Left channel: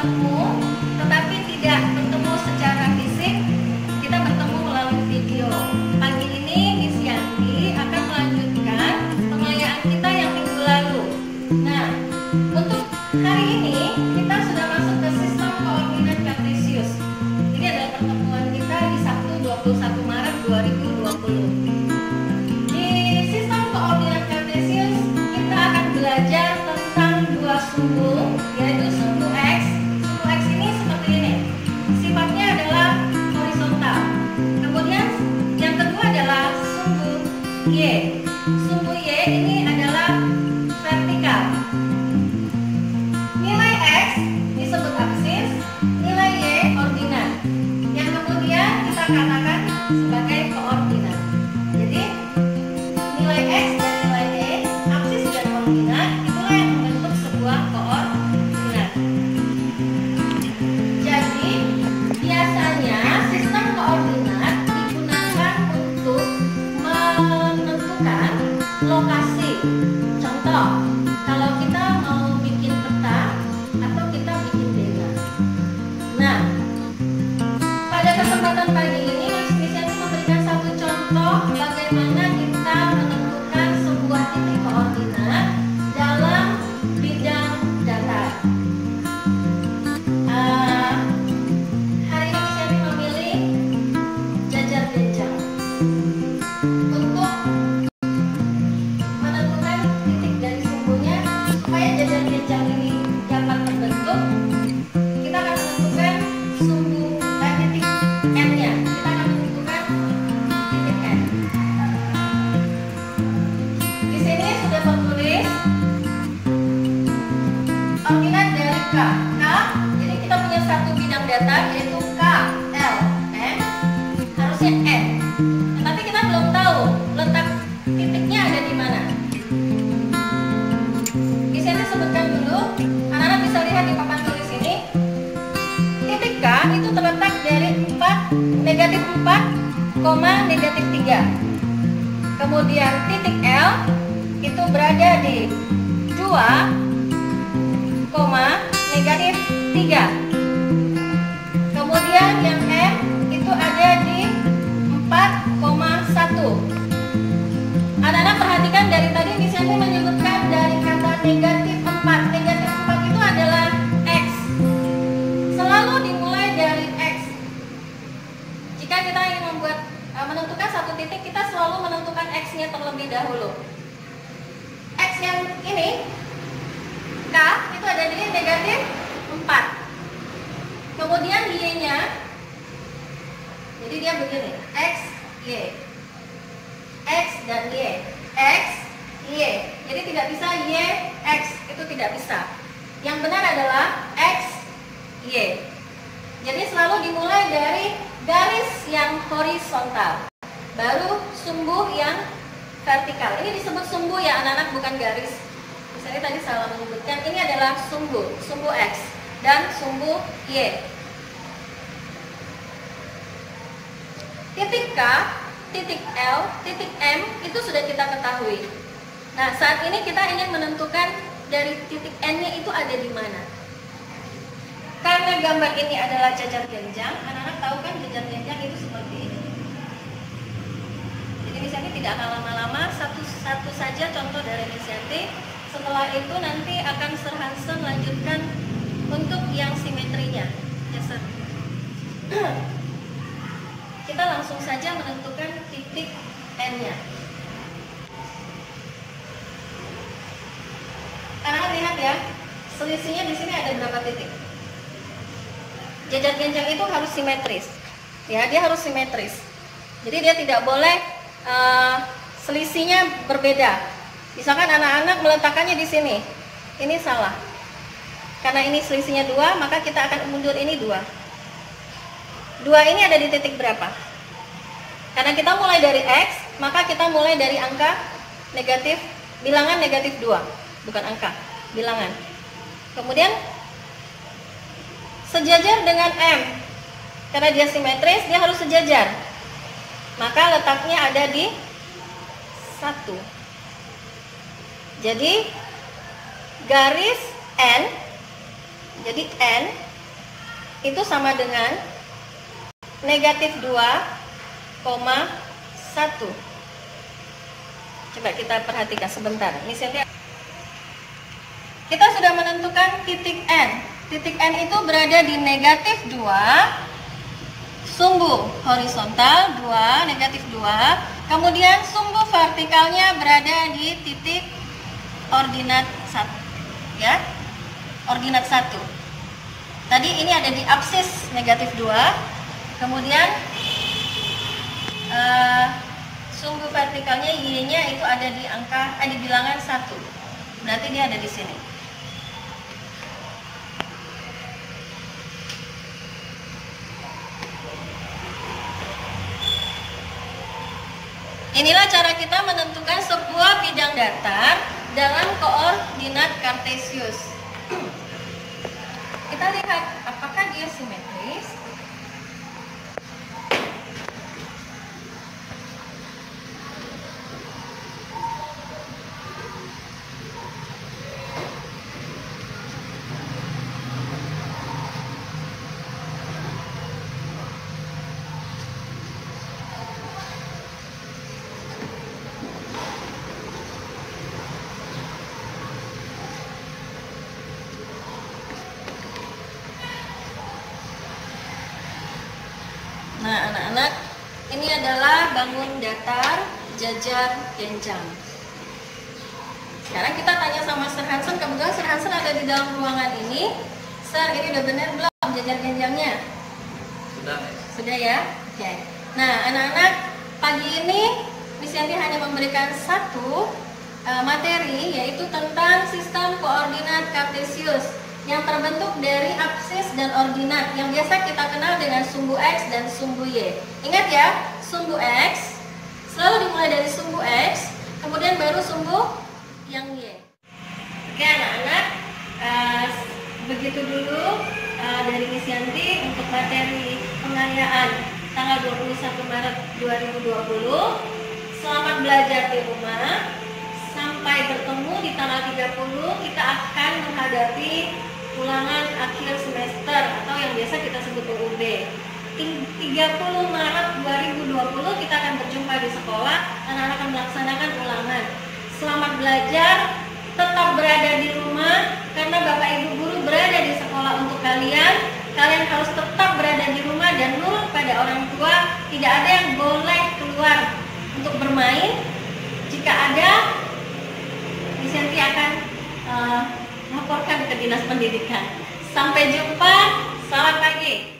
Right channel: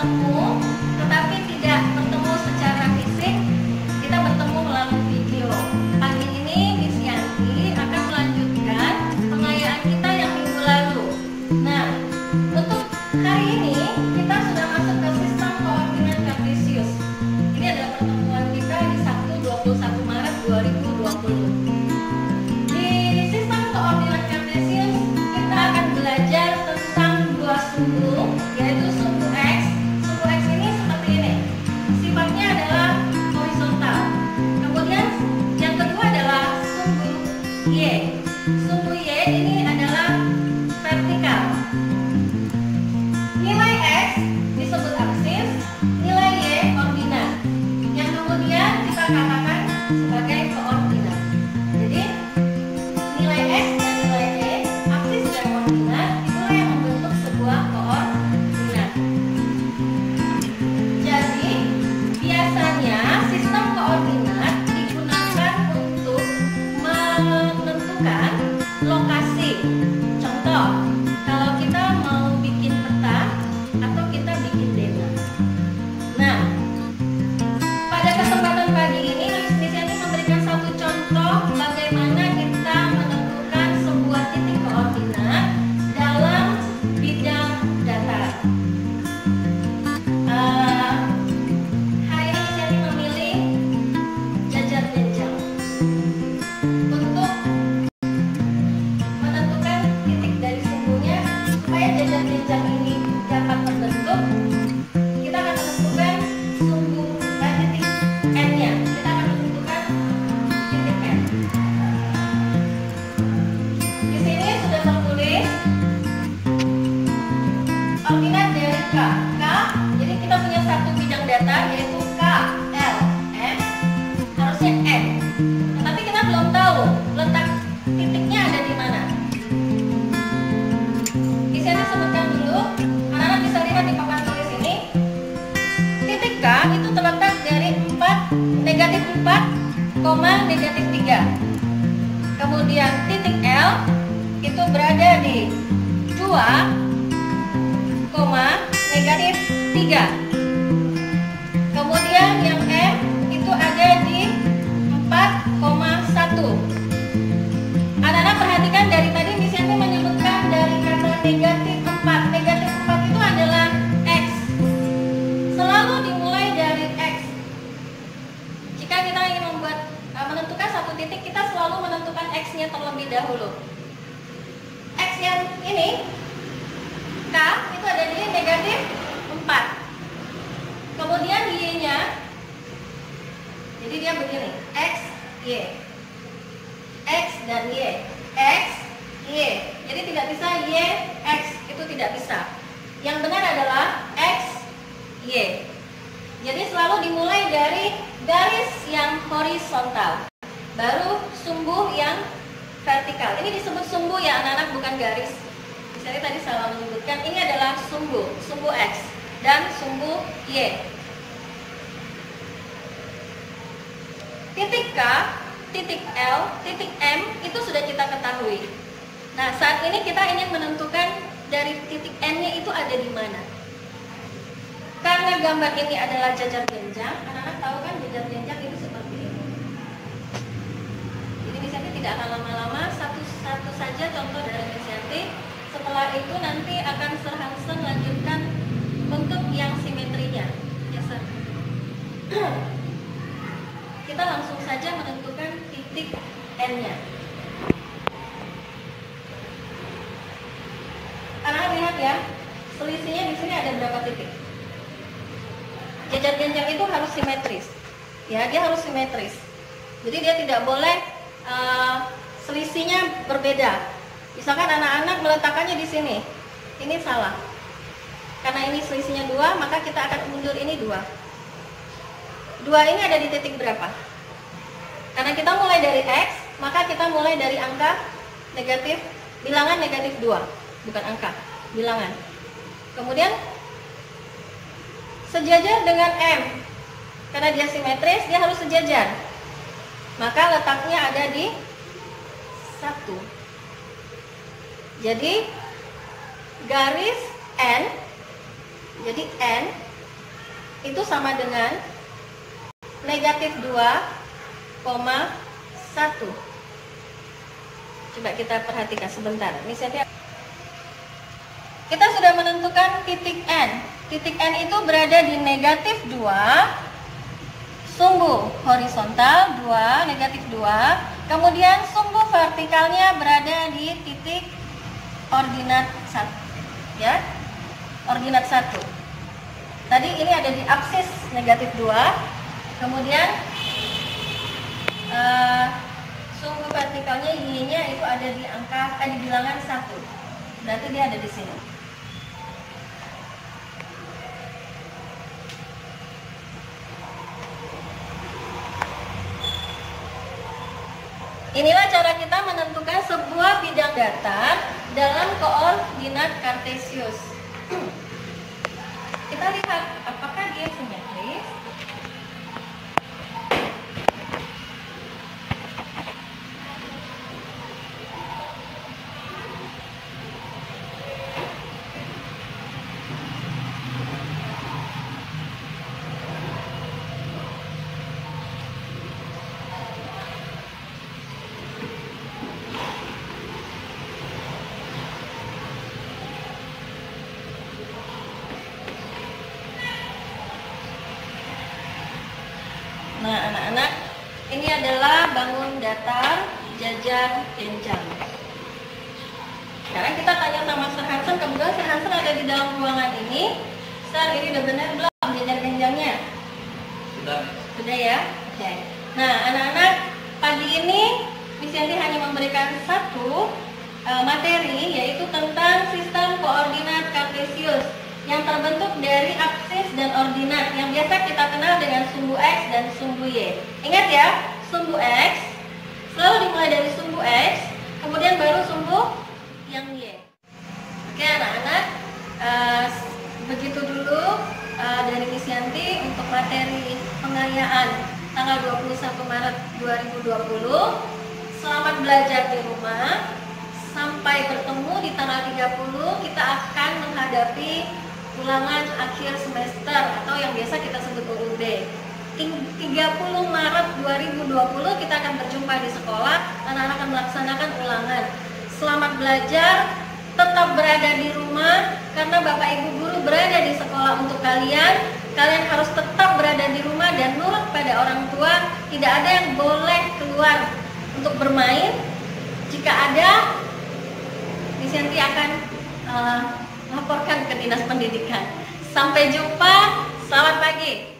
bertemu, tetapi tidak bertemu secara fisik, kita bertemu melalui video. Pagi ini Miss Yanti akan melanjutkan pengayaan kita yang minggu lalu. Nah, untuk hari ini kita sudah masuk ke sistem koordinat kartesius. Ini adalah pertemuan kita di Sabtu 21 Maret 2020. Di sistem koordinat kartesius kita akan belajar tentang dua sumbu, yaitu sumbu X. Sumbu X ini seperti ini. Sifatnya adalah horizontal. Kemudian yang kedua adalah sumbu Y. Sumbu Y ini adalah vertikal. Nilai X disebut aksis, nilai Y ordinat, yang kemudian kita katakan sebagai koordinat. Jadi nilai X dan nilai Y, aksis dan ordinat, itulah yang membentuk sebuah koordinat. Jadi biasanya sistem koordinat digunakan untuk menentukan lokasi. Contoh, kalau kita mau bikin peta atau kita bikin dena. Nah, pada kesempatan pagi ini Miss Yanti memberikan satu contoh bagaimana kita menentukan sebuah titik koordinat dalam bidang datar. Hari ini Miss Yanti memilih jajar jenjang untuk menentukan titik dari sumbunya. Supaya jajar jenjang ini dapat terbentuk, kita akan menentukan titik N-nya. Kita akan menentukan titik N. Di sini sudah tertulis ordinat dari K. Jadi kita punya satu bidang datar yaitu K, L, M, harusnya N. Tetapi kita belum tahu letak titiknya ada di mana. Miss Yanti sebutkan dulu, anak-anak bisa lihat di papan tulis ini. Titik K itu terletak dari negatif 4, negatif 3. Kemudian titik L itu berada di 2, negatif 3. Kemudian yang M itu ada di 4,1. Anak-anak perhatikan dari tadi Miss Yanti menyebutkan dari kata negatif 4. Negatif 4 itu adalah X. Selalu dimulai dari X. Jika kita ingin menentukan satu titik, kita selalu menentukan X-nya terlebih dahulu. X yang ini, K, itu ada di negatif 4. Kemudian Y-nya, jadi dia begini, X, Y. X dan Y, X, Y. Jadi tidak bisa Y, X, itu tidak bisa. Yang benar adalah X, Y. Jadi selalu dimulai dari garis yang horizontal, baru sumbu yang vertikal. Ini disebut sumbu ya anak-anak, bukan garis. Misalnya tadi salah menyebutkan, ini adalah sumbu X dan sumbu Y. Titik K, titik L, titik M itu sudah kita ketahui. Nah, saat ini kita ingin menentukan dari titik N-nya itu ada di mana. Karena gambar ini adalah jajar jenjang, anak-anak tahu kan jajar jenjang itu seperti ini. Jadi Miss Yanti tidak akan lama-lama, satu saja contoh dari Miss Yanti. Setelah itu nanti akan Sir Hansen lanjutkan untuk yang simetrinya. Ya, Sir. Kita langsung saja menentukan titik N-nya. Anak-anak lihat ya, selisihnya di sini ada berapa titik. Jajar jenjang itu harus simetris. Ya, dia harus simetris. Jadi dia tidak boleh selisihnya berbeda. Misalkan anak-anak meletakkannya di sini, ini salah. Karena ini selisihnya 2, maka kita akan mundur ini 2. 2 ini ada di titik berapa? Karena kita mulai dari X, maka kita mulai dari angka negatif, bilangan negatif 2. Bukan angka, bilangan. Kemudian sejajar dengan M. Karena dia simetris, dia harus sejajar. Maka letaknya ada di 1. Jadi garis N, jadi N itu sama dengan negatif 2,1. Coba kita perhatikan sebentar. Ini kita sudah menentukan titik N. Titik N itu berada di negatif 2, sumbu horizontal 2, negatif 2. Kemudian sumbu vertikalnya berada di titik ordinat 1. Ya, ordinat 1. Tadi ini ada di apsis negatif 2. Kemudian sumbu vertikalnya Y-nya itu ada di di bilangan 1. Berarti dia ada di sini. Inilah cara kita menentukan sebuah bidang datar dalam koordinat kartesius. Kita lihat apakah dia simetris. Nah, anak-anak, ini adalah bangun datar jajar genjang. Sekarang kita tanya sama Sir Hansen. Kebetulan Sir Hansen ada di dalam ruangan ini. Sir, ini udah benar belum jajar genjangnya? Sudah. Sudah ya? Oke. Nah, anak-anak, pagi ini Miss Yanti hanya memberikan satu materi, yaitu tentang sistem koordinat kartesius yang terbentuk dari apsis dan ordinat yang biasa kita kenal dengan sumbu X dan sumbu Y. Ingat ya, sumbu X selalu dimulai dari sumbu X, kemudian baru sumbu yang Y. Oke anak-anak, begitu dulu dari Miss Yanti untuk materi pengayaan tanggal 21 Maret 2020. Selamat belajar di rumah. Sampai bertemu di tanggal 30, kita akan menghadapi ulangan akhir semester atau yang biasa kita sebut UUB. 30 Maret 2020 kita akan berjumpa di sekolah. Anak-anak akan melaksanakan ulangan. Selamat belajar, tetap berada di rumah karena Bapak Ibu guru berada di sekolah untuk kalian. Kalian harus tetap berada di rumah dan nurut pada orang tua. Tidak ada yang boleh keluar untuk bermain. Jika ada, Miss Yanti akan laporkan ke Dinas Pendidikan. Sampai jumpa, selamat pagi.